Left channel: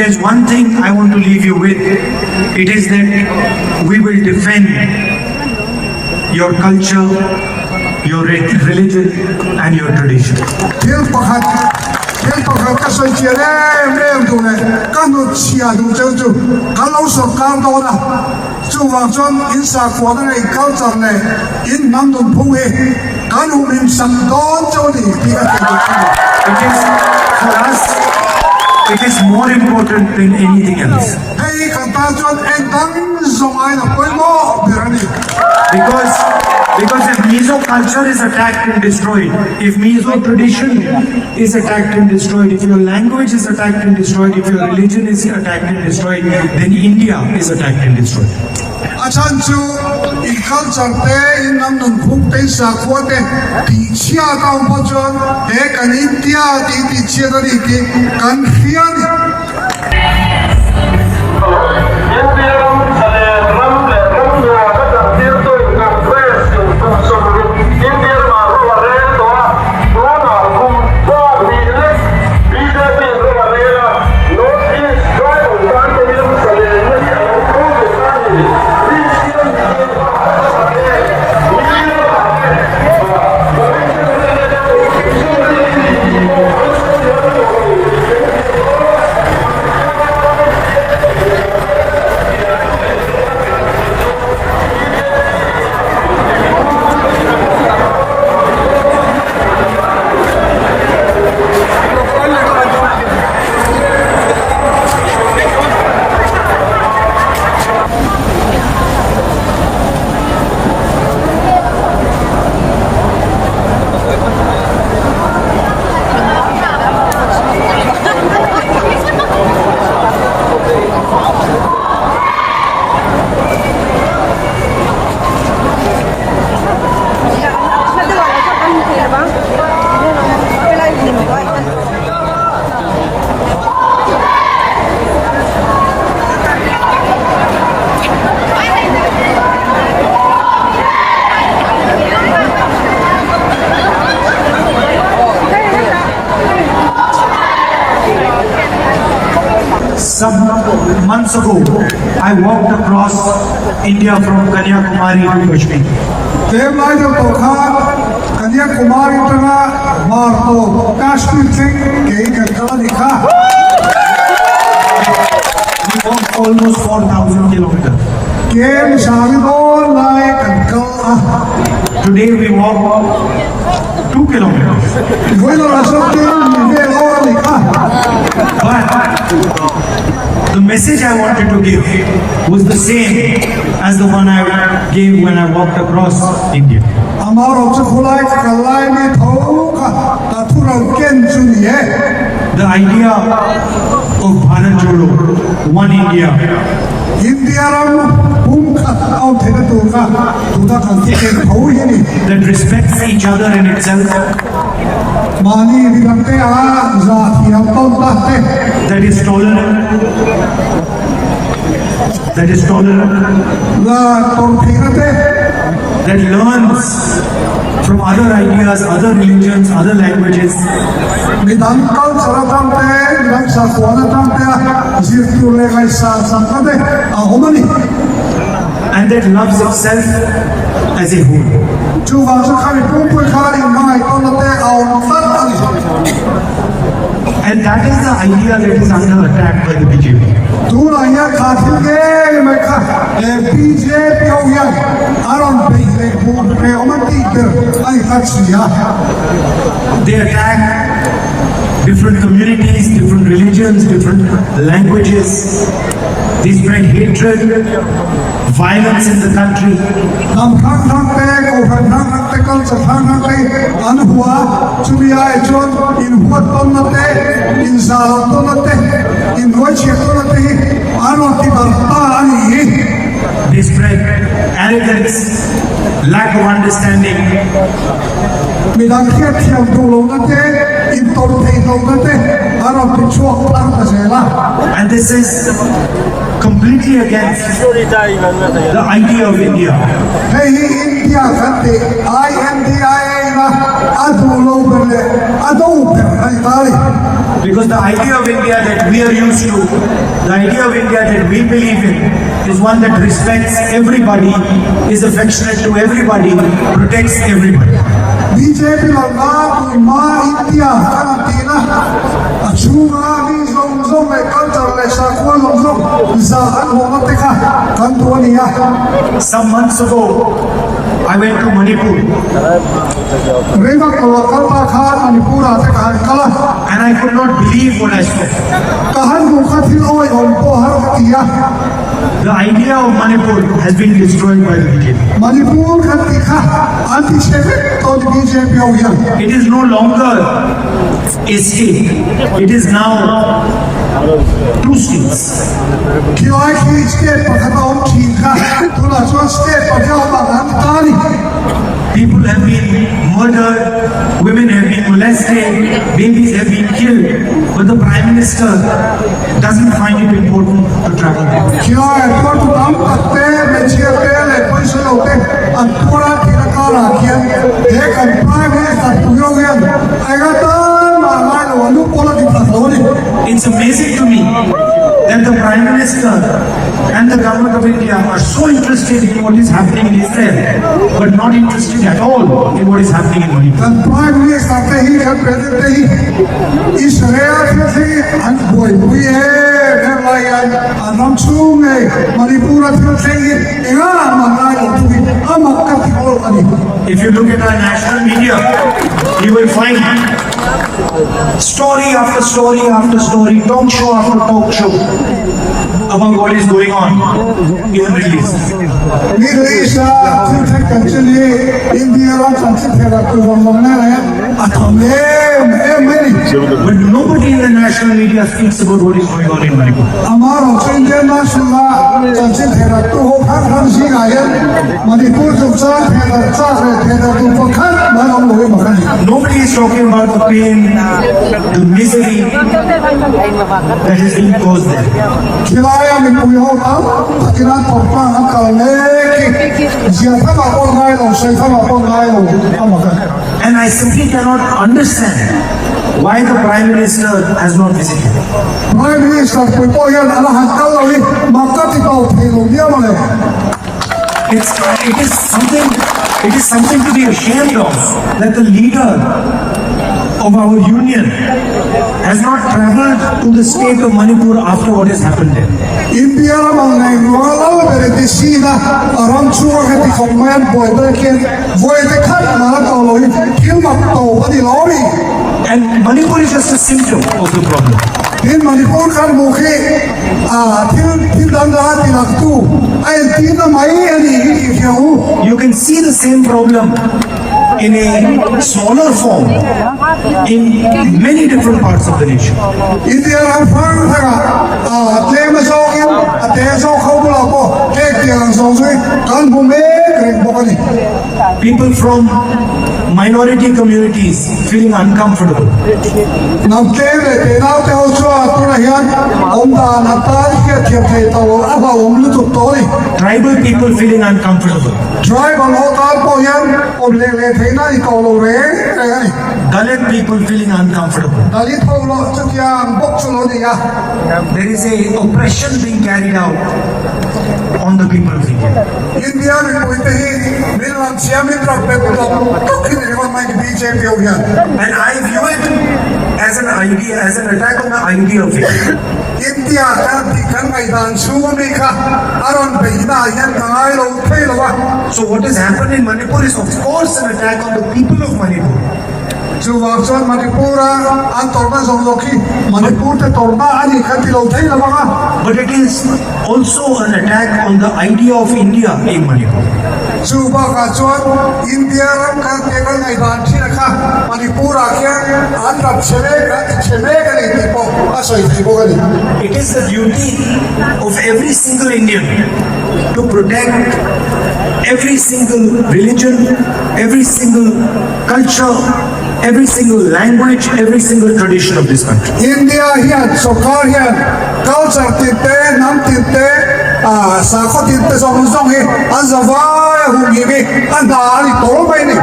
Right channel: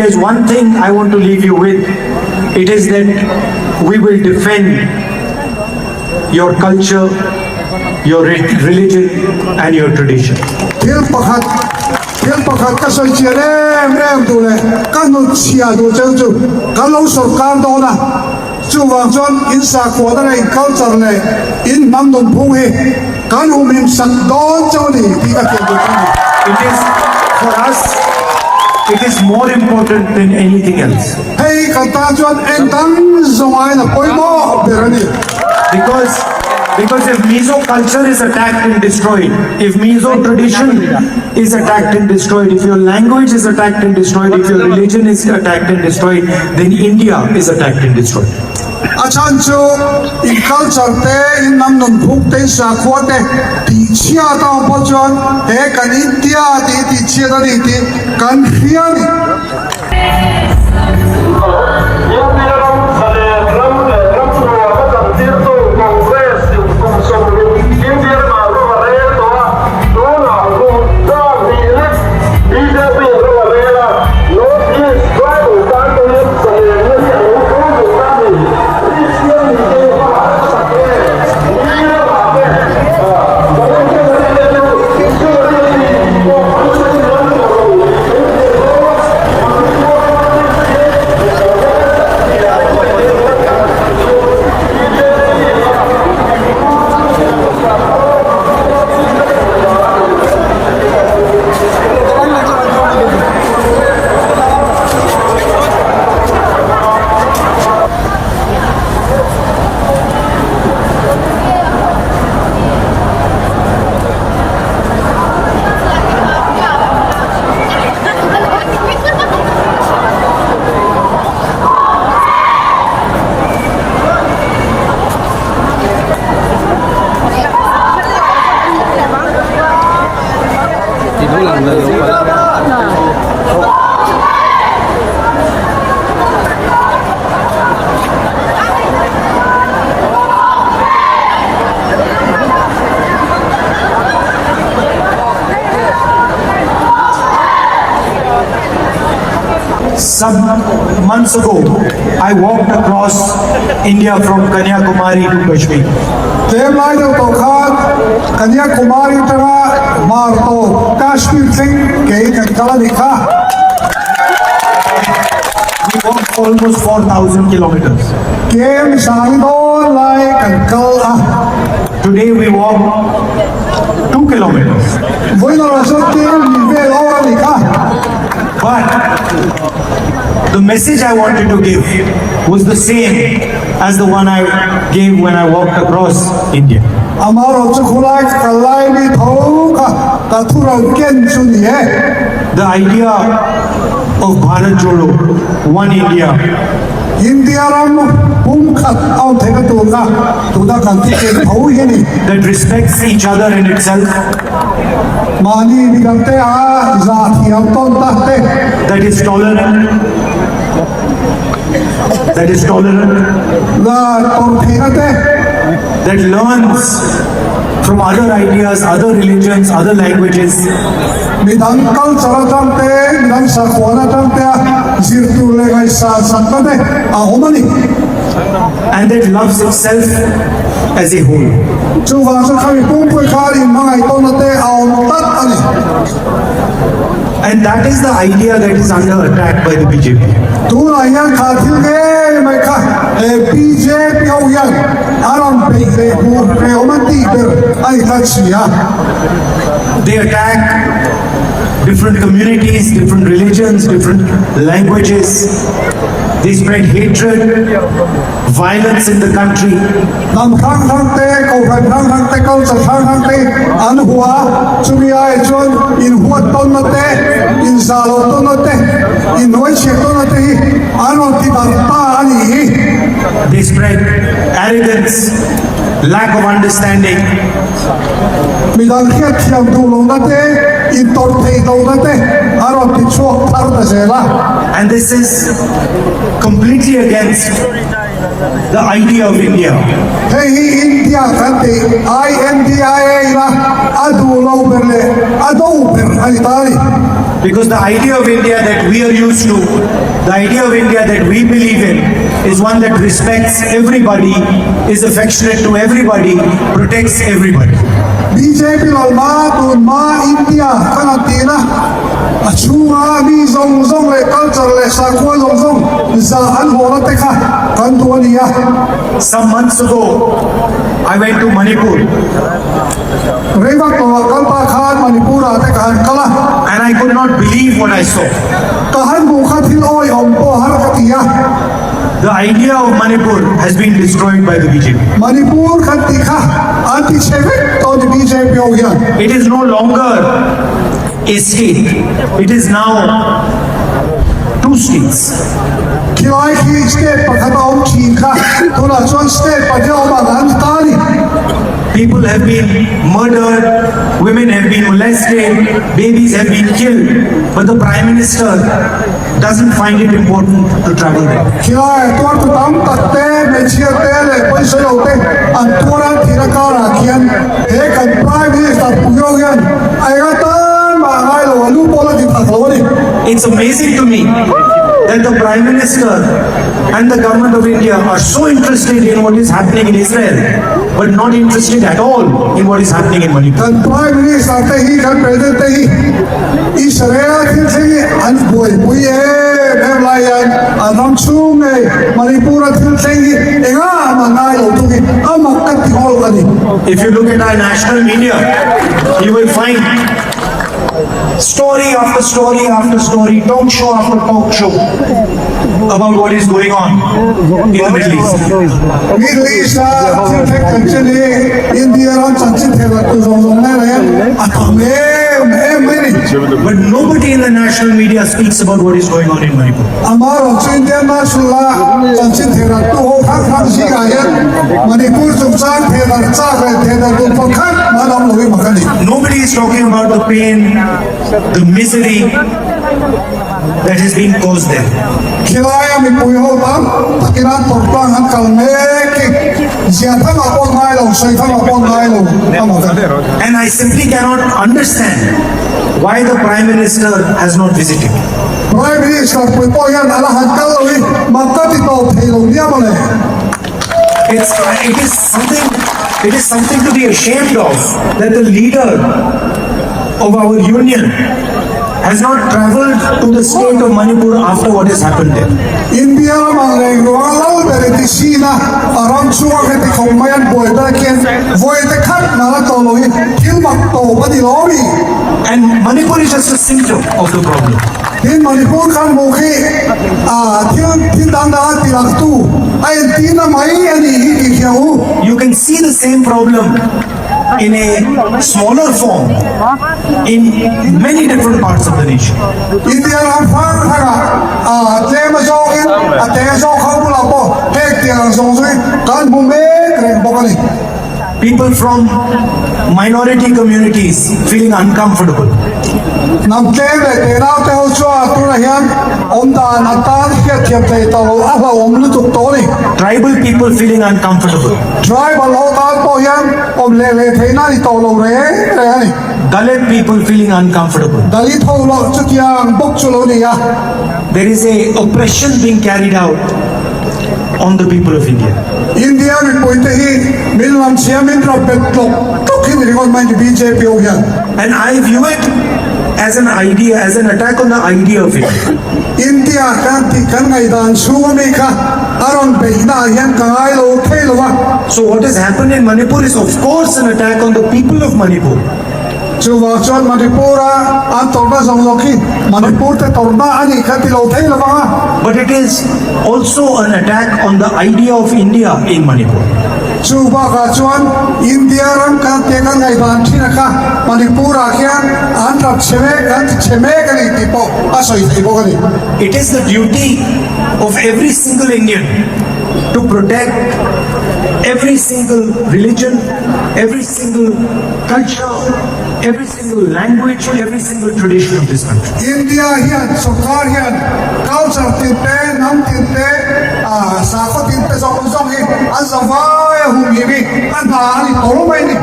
There's one thing I want to leave you with. It is that we will defend your culture, your religion, and your tradition. Tiếng pakhat ka soi chia em tu le ka no chia du cheu chu ka lo so kam do na chu wang chon in sa ko da ngai culture ne in nam don phung he ka nu mim sang don chau ni ti ka ke It is for us. It is more important than anything else. hey ka ta chon en tang zong ai na poi mo berani Because if Mizo culture is attacked and destroyed, if Mizo tradition is attacked and destroyed, if your language is attacked and destroyed, if your religion is attacked and destroyed, then India is attacked and destroyed. achan chu in culture te in nam don phung te sa ko te ti chia ta po chon he kan India ti chia do ni ti kan hian Some months ago, I walked across India from Kanyakumari to Kashmir. te mai do to khat Kanyakumari tanga mar to Kashmir thing ke ka ka likha We walked almost 4,000 kilometers. kem sang do lai kan kal a Today we walk 2 kilometers. voi lo so ti mi ve lo likha But the message I wanted to give was the same as the one I gave when I walked across India. amaro chu khulai ka lai ni tho ka ta thuro ken chu ni he The idea of Bharat Jodo, One India, India ram pum khat au the ka to ka tu da kan ti ken tho he ni that respects each other and itself, mani bidang te a za thiam to ta te that is tolerant, la tom thina te that learns from other ideas, other religions, other languages, bidang kal sara tam te bidang sa khona tam te zir tu le gai sa sang ka te a homani and that loves itself as a whole. chu wa sa khari pum pui khari mai to na te au tat ani And that is the idea that is under attack by the BJP. tu la ya kha thil ge me kha BJP au ya aram pe de hu pe o ma ti de ai kha chia They attack different communities, different religions, different languages. They spread hatred, violence in the country. nam khang khang te ko phan khang te kal sa khang te an hua chu ni ai chon in hua ton na te in sa lo ton na te in noi chi ton na te an ti ba ta ani They spread arrogance, lack of understanding. midang khet thiam tu lo na te in ton te do na te aram ti chu par ta se la And this is completely against the idea of India. hey India kan te INDIA la adu lo berle adu per ai tali Because the idea of India that we are used to, the idea of India that we believe in, is one that respects everybody, is affectionate to everybody, protects everybody. BJP lama tuan ma India kanatina achua mi zong zong le culture le sakwa zong zong za an hola teka kan tuania. Some months ago, I went to Manipur Reva kawa kalpa khan Manipur ate kan kala and I could not believe what I saw. kahan mukha thil oi om po har katia The idea of Manipur has been destroyed by the BJP. Manipur kan tikha anti-Semitic to the BJP ho gaya. It is no longer a state. It is now two states. Khilai ki state par khata om thika tola chon state par jao ba han tani. People have been murdered, women have been molested, babies have been killed, but the Prime Minister doesn't find it important to travel there. Khilai to tu tam takte me chiar te le paisa hote an pura thiraka rakhian he kan prime minister pugro gyan aiga tan ma ngai lo alu pola di thawni. It's amazing to me that the Prime Minister and the government of India are so interested in what is happening in Israel, but not interested at all in what is happening in Manipur. Kan prime minister te hi kan president te hi Israel ke se an boy boy he he layan anam chung ne Manipur te se ega ma ngai lo tu ni amak ka ti hol ani. If you look at our national media, you will find story after story after story, talk show after talk show about what is going on in the Middle East. Middle East til tek kanchali India ran chanchi thela tu zong zong na le atame meri. But nobody in the national media speaks about what is going on in Manipur. amar Indian national chanchi thela tu ho khang si ga ya Manipur chu chang thela cha ga thela tu pakhat ma lam lo ma khani. Nobody is talking about the pain, the misery that has been caused there. Khilai mi pui ho tam pakina topang ang kalme ki zia tha ma ko ngai lo sai tha ma ko ngai lo amaga. And I simply cannot understand why the Prime Minister has not visited. Prime minister pui po yan ala han kal lo hi makati to thelo dia ma le. It is something to be ashamed of that the leader of our union has not travelled to the state of Manipur after what has happened there. India ma le ro bere ti sina aram chuwa ke ti comment boy da ken voi de khat ma to lo hi kim mak to ba di lo mi. And Manipur is just a symptom of the problem. In Manipur kan mo ke til dang da ti rak tu ai ti na mai ani hi ki hu. You can see the same problem in a smaller form in many different parts of the nation. India ram phang thaga tle ma so ki te so khau la po te ki so se kan bu me kre bo ni. People from minority communities feeling uncomfortable. Nam te le te na te o so tu na hian om da na ta ke ke te to a ba om lu tu to ni. Tribal people feeling uncomfortable. Tribal ho ta po hian om le the na di to lo re ni. Dalit people feeling uncomfortable. Dalit ho lo chu tiang bok chu lo ni ya. There is a oppression being carried out on the people of India. India में कोई ही मिलना सियामिंद्रा petro तो किधर ही और मैं BJP हो गया. And I view it as an idea, as an attack on the idea of India. India kan tikan मैदान शुरू में का अरुण बेना यंग गाय लो खेल हुआ. So what has happened in Manipur is of course an attack on the people of Manipur. Chuvachuan Manipura antorba zoloki Manipur te torba ani khati lo thai lama. But it is also an attack on the idea of India in Manipur. Chuvachuan India ram ka teka मैदान thiraka Manipura kya andra cheme kani tipo asoi tipo kani. It is the duty of every single Indian to protect every single religion, every single culture, every single language, every single tradition of this country. India here, Sarkar here, culture tinte, nam tinte, sakho tinte zong he, azavai HUMHIM, andari tolo baini.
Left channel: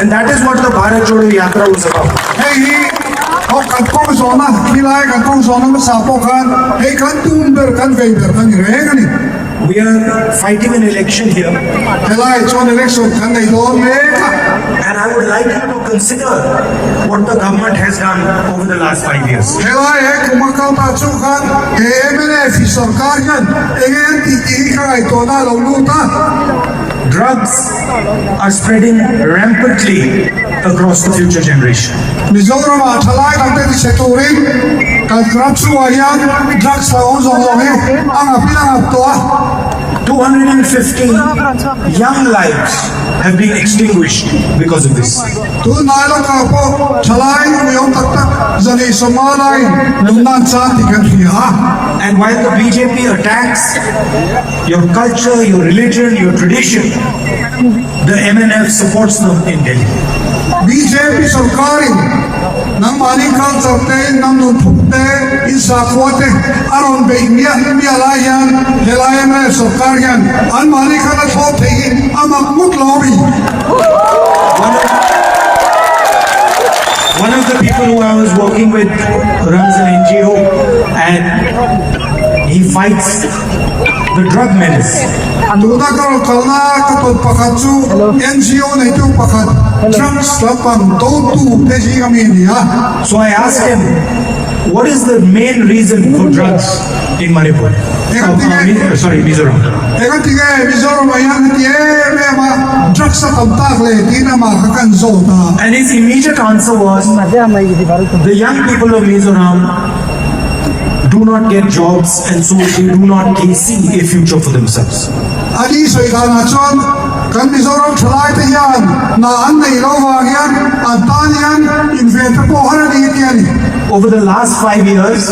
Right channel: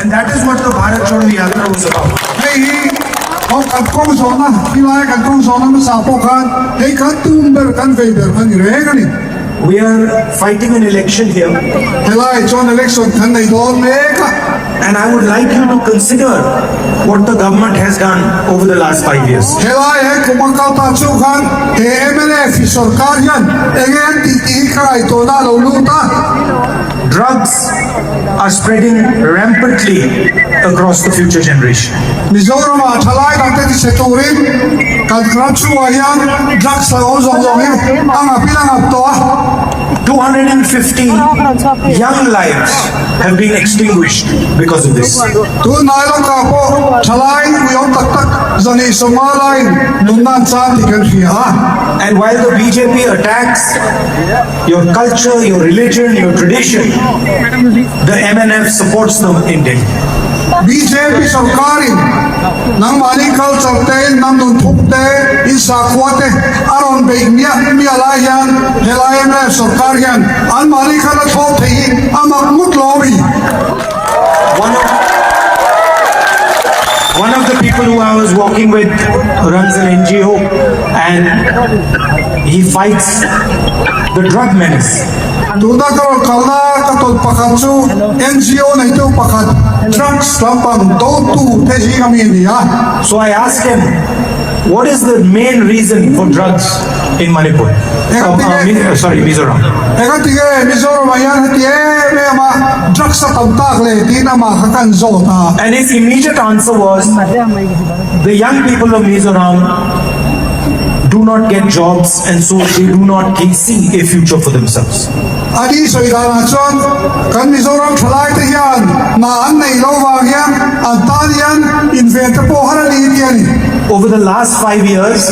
And that is what the Bharat Jodo Yatra was about. Hey, how กันกงสอนนะที่ไรกันกงสอนนั้นมันสาปกันให้กันตุ้มเบอร์กันเวเบอร์กันอยู่เองกันนี่ We are fighting an election here, ให้ไรจนเล็กสุดกันในโดนเล็ก and I would like you to consider what the government has done over the last 5 years. ให้ไรให้กุมารเข้าตาชูกันเฮ้ไม่ได้ฟิสอนการยันเองตีตีใครตัวน่าเราลูตา Drugs are spreading rampantly across the future generation. มิโซรามาทลายกันที่เซตูริกันครับช่วยยังรักษาองค์ทรงนี้อังพิลังตัว 250 young lives have been extinguished because of this. ตัวนายต้องการพอทลายวิวตักตักจะในสมัยลุงนั่นชาติกันที่ฮะ And while the BJP attacks your culture, your religion, your tradition, the MNF supports them in Delhi. BJP สงครามนังมาลีคัลสุดเต้นังดุนทุบเต้อิสระควเต้อารมณ์เบียมีอะไรยันเฮลัยน์สงครามยันอันมาลีคัลทุบเต้อามักมุดลอรี One of the people who I was working with runs an NGO and he fights the drug menace. ตัวนักการคณะก็ตุนประกันชู NGO ในตัวประกัน drugs ตั้งปังโตตูเพชิกามีนี่ฮะ So I asked him, what is the main reason for drugs in Manipur? Sorry, Mizoram. ไอ้คนที่มิโซรามายันที่แม่มา drugs ตั้งตากเลยที่นั่นมาขันโซตา And his immediate answer was, the young people of Mizoram do not get jobs and so they do not see a future for themselves. อันนี้สวยงามจนกันมิโซรัมทลายทะยานนาอันในระหว่างยันอันตานยันอินเวนต์โปฮารีเทียน Over the last 5 years,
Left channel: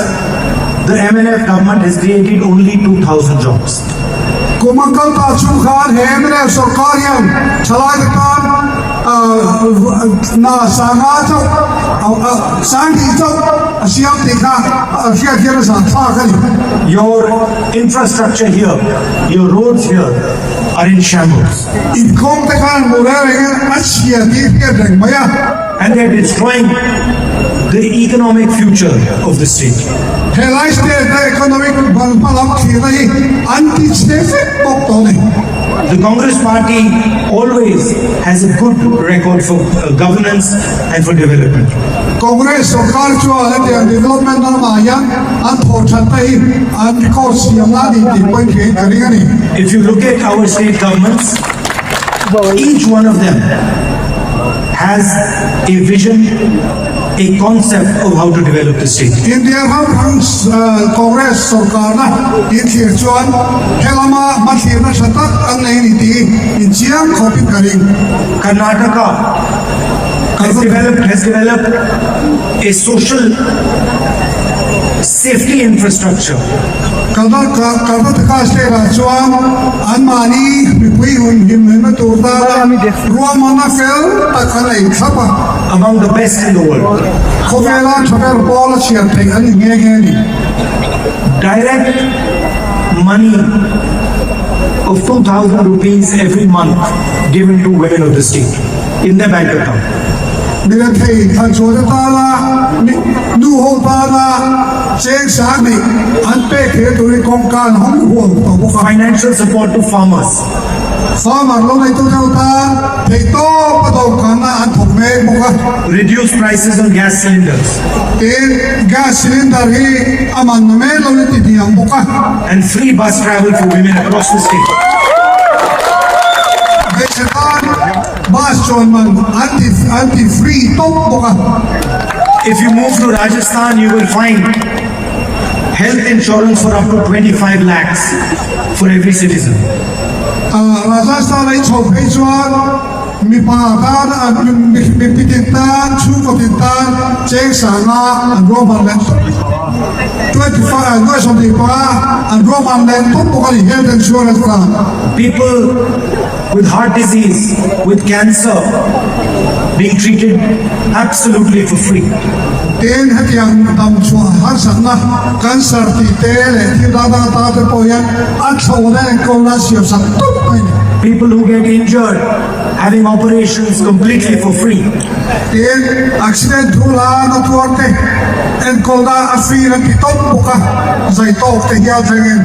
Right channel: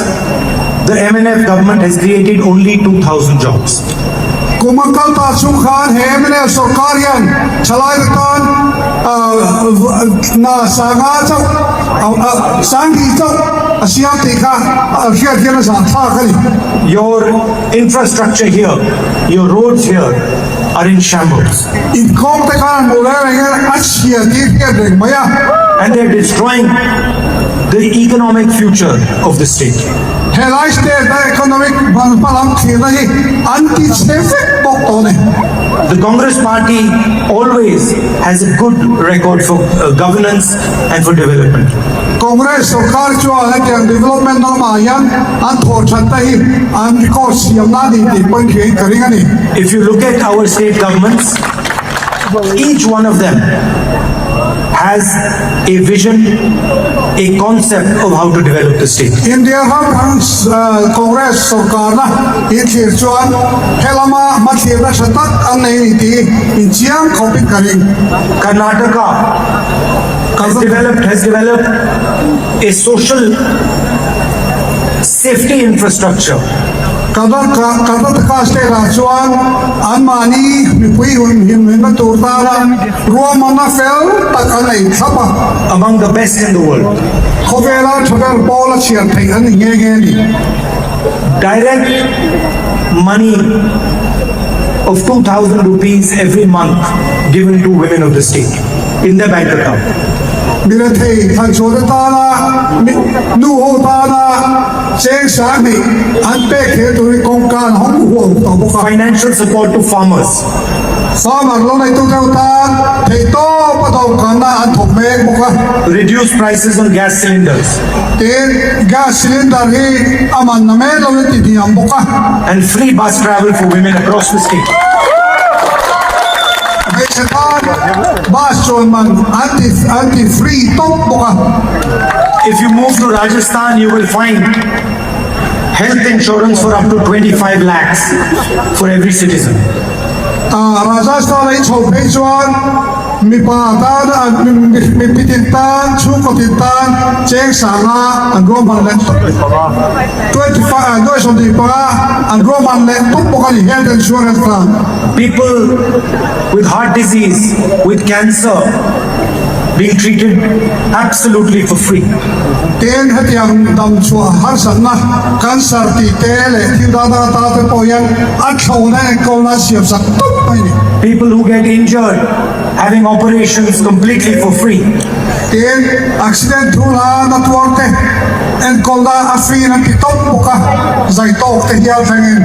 the MNF government has created only 2,000 jobs. กุมันกัลตาชุมขานเฮมิเลสกายันทลายตอนนาสางาเจ้าสังกีเจ้าอาเซียนติกาอาเซียนเทียนสังท่ากัน Your infrastructure here, your roads here are in shambles. อินคงแต่การดูแลอะไรเงี้ยอาเซียนที่เทียนเรื่องไหมอ่ะ And they're destroying the economic future of the state. เฮลัยสเตทในอีโคโนมิกพลังที่ไหนอันที่เซฟบอกตัวเนี่ย The Congress party always has a good record for governance and for development. คองเกรสสงครามช่วยให้เรื่อง development นั้นมายังอันโทชันได้อันก็เสียมาดีดีเป็นเรื่องอะไรกันนี่ If you look at our state governments, each one of them has a vision, a concept of how to develop the state. อินเดียครับทางคองเกรสสงครามนะอินเดียชวนเฮลมามาเทียบราชตักอันในนิติอินเชียงเขาเป็นกันเอง Karnataka has developed a social safety infrastructure. การตัดการสเตราชวนอันมานี่มีผู้หญิงเห็นมันตัวตารวมมันเฟลตักอะไรครับ Among the best in the world. เขาเวลาชวนบอลเชียร์ไทยอันนี้เงี้ยนี่ Direct money of 2,000 rupees every month given to women of the state in their bank account. มีอะไรท่านชวนตาละนู่หัวตาละเจ้าสามีอันเป็กเหตุในกองการห้องหัวต่อพวกเขา Financial support to farmers. สามัญลงในตัวเจ้าตาเทโต้ประตูกันนะอันถูกเมย์พวกเขา Reduce prices on gas cylinders. เต็นแก๊สซิลินเดอร์ที่อามันน้ำเมย์เราติดที่อันพวกเขา And free bus travel for women across the state. เด็กสตาร์บ้านชนมันอันที่ฟรีต้องพวกเขา If you move to Rajasthan, you will find health insurance for up to 25 lakhs for every citizen. ราชสตาร์ไอ้ชมเพชรมีป่าตามีพิธีตาชูปฏิตาเจ๊สาราอันรวมมันเล่นตัวที่ฟ้าอันด้วยชนที่ป่าอันรวมมันเล่นทุกพวกนี้เฮลท์ชัวร์กัน People with heart disease, with cancer, being treated absolutely for free. เต็นให้ยังดำชัวหาสันนะกันสารติเตเลยที่ดาตาตัวพยันอัดโซน่าโกนาเสียบสักตุ๊บไปนี่ People who get injured, having operations completely for free. เต็นอักเสบทุลานัทวักเต en kolda asmi na pitok buka zai tok te hiya jangin